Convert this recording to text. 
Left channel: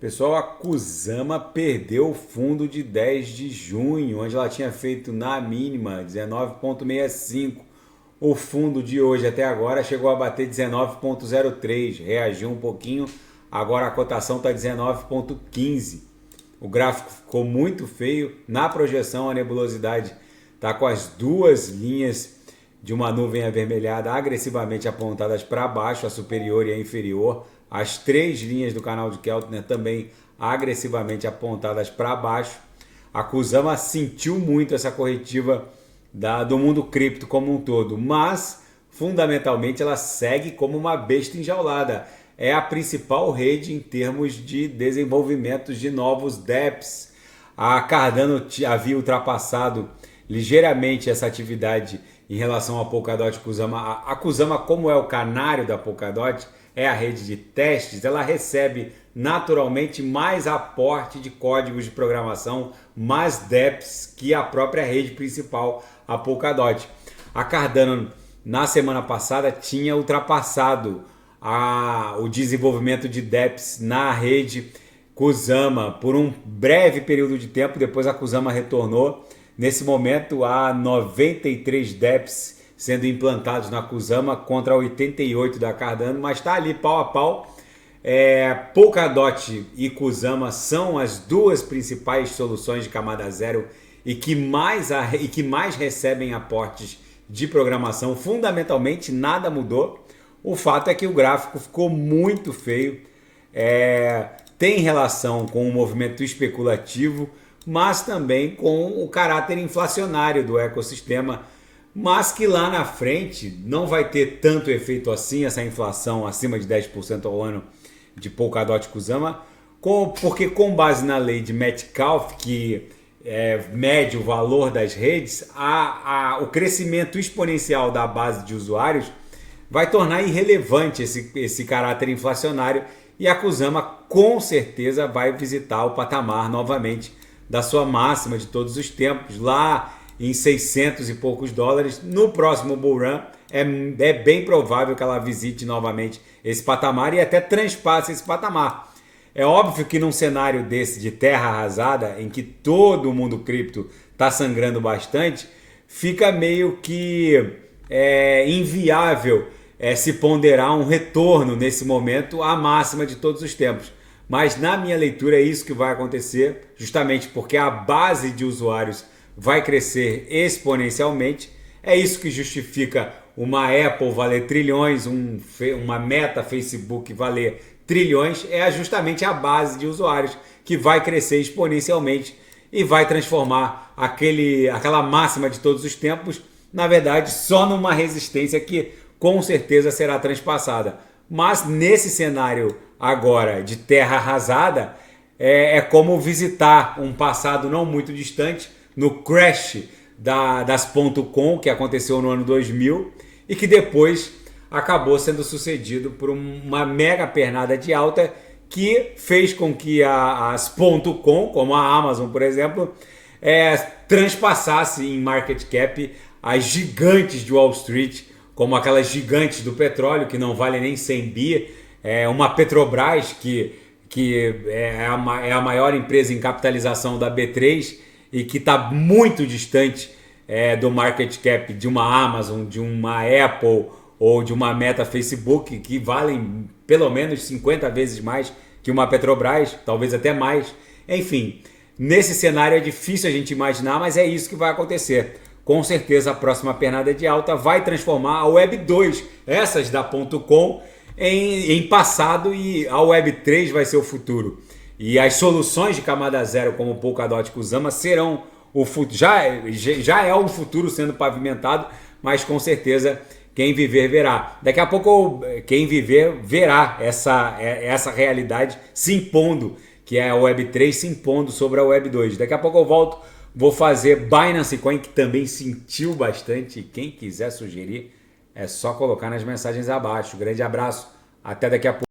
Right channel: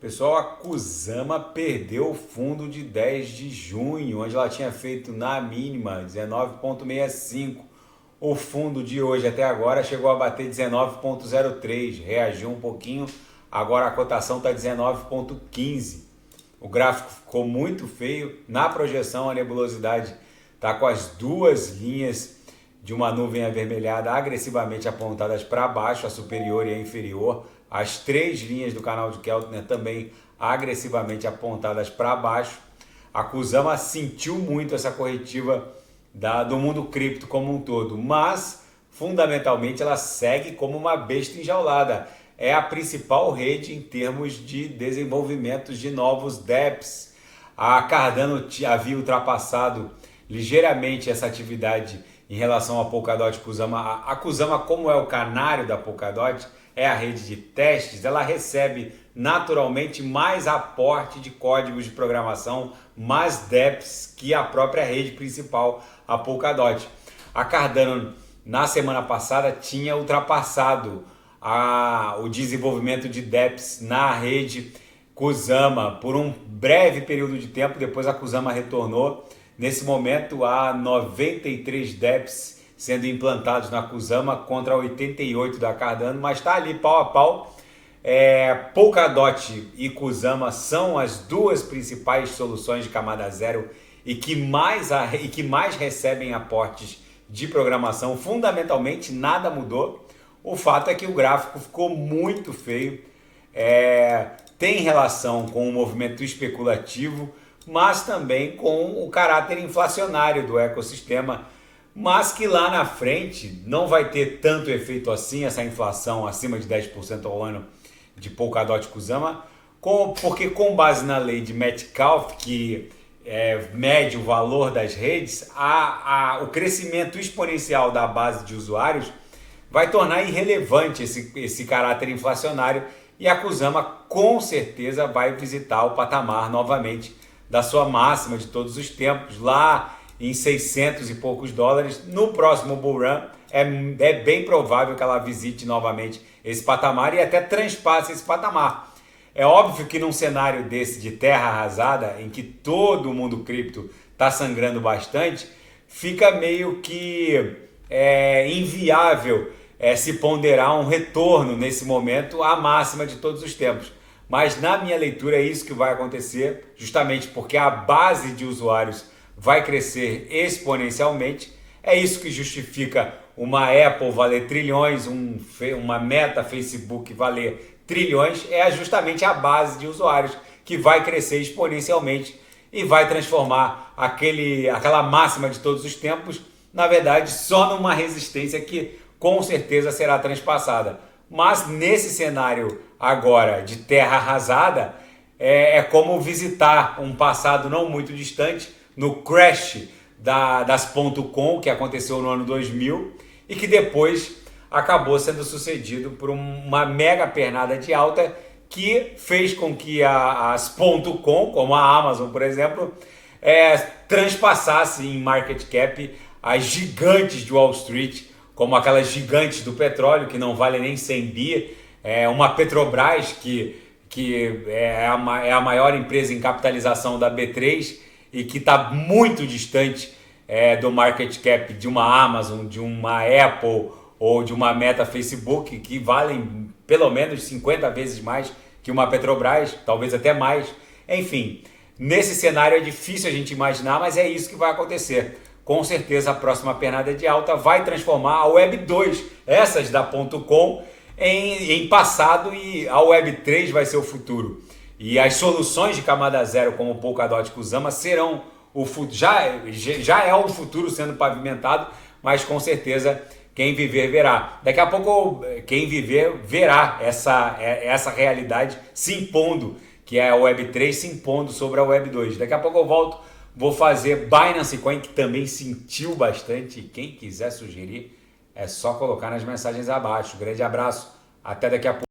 Pessoal, a Kusama perdeu o fundo de 10 de junho, onde ela tinha feito na mínima 19,65. O fundo de hoje até agora chegou a bater 19,03, reagiu um pouquinho, agora a cotação está 19,15. O gráfico ficou muito feio, na projeção a nebulosidade está com as duas linhas de uma nuvem avermelhada agressivamente apontadas para baixo, a superior e a inferior. As três linhas do canal de Keltner também agressivamente apontadas para baixo. A Kusama sentiu muito essa corretiva do mundo cripto como um todo, mas fundamentalmente ela segue como uma besta enjaulada. É a principal rede em termos de desenvolvimento de novos dApps. A Cardano havia ultrapassado ligeiramente essa atividade em relação à Polkadot Kusama. A Kusama, como é o canário da Polkadot, é a rede de testes, ela recebe naturalmente mais aporte de códigos de programação, mais dApps que a própria rede principal, a Polkadot. A Cardano, na semana passada, tinha ultrapassado o desenvolvimento de dApps na rede Kusama por um breve período de tempo, depois a Kusama retornou. Nesse momento há 93 dApps sendo implantados na Kusama contra 88 da Cardano, mas está ali pau a pau. Polkadot e Kusama são as duas principais soluções de camada zero e que mais recebem aportes de programação. Fundamentalmente nada mudou. O fato é que o gráfico ficou muito feio. Tem relação com o movimento especulativo, mas também com o caráter inflacionário do ecossistema, mas que lá na frente não vai ter tanto efeito assim, essa inflação acima de 10% ao ano de Polkadot e Kusama, porque com base na lei de Metcalfe, que mede o valor das redes, o crescimento exponencial da base de usuários vai tornar irrelevante esse caráter inflacionário, e a Kusama com certeza vai visitar o patamar novamente da sua máxima de todos os tempos, lá em 600 e poucos dólares. No próximo bull run é bem provável que ela visite novamente esse patamar e até transpasse esse patamar. É óbvio que num cenário desse de terra arrasada, em que todo mundo cripto está sangrando bastante, fica meio que inviável se ponderar um retorno nesse momento à máxima de todos os tempos. Mas na minha leitura é isso que vai acontecer, justamente porque a base de usuários vai crescer exponencialmente. É isso que justifica uma Apple valer trilhões, uma Meta, Facebook valer trilhões. É justamente a base de usuários que vai crescer exponencialmente e vai transformar aquela máxima de todos os tempos, na verdade, só numa resistência que com certeza será transpassada. Mas nesse cenário agora de terra arrasada, é como visitar um passado não muito distante, no crash das .com, que aconteceu no ano 2000 e que depois acabou sendo sucedido por uma mega pernada de alta que fez com que as .com, como a Amazon, por exemplo, transpassasse em market cap as gigantes de Wall Street, como aquelas gigantes do petróleo, que não valem nem 100 bi, uma Petrobras, que é a maior empresa em capitalização da B3, e que está muito distante do market cap de uma Amazon, de uma Apple ou de uma Meta, Facebook, que valem pelo menos 50 vezes mais que uma Petrobras, talvez até mais. Enfim, nesse cenário é difícil a gente imaginar, mas é isso que vai acontecer. Com certeza a próxima pernada de alta vai transformar a Web 2, essas da .com, em passado, e a Web 3 vai ser o futuro. E as soluções de camada zero como Polkadot e Kusama serão o futuro. Já é o futuro sendo pavimentado, mas com certeza quem viver verá. Daqui a pouco quem viver verá essa realidade se impondo, que é a Web 3 se impondo sobre a Web 2. Daqui a pouco eu volto, vou fazer Binance Coin, que também sentiu bastante. Quem quiser sugerir é só colocar nas mensagens abaixo. Grande abraço, até daqui a pouco.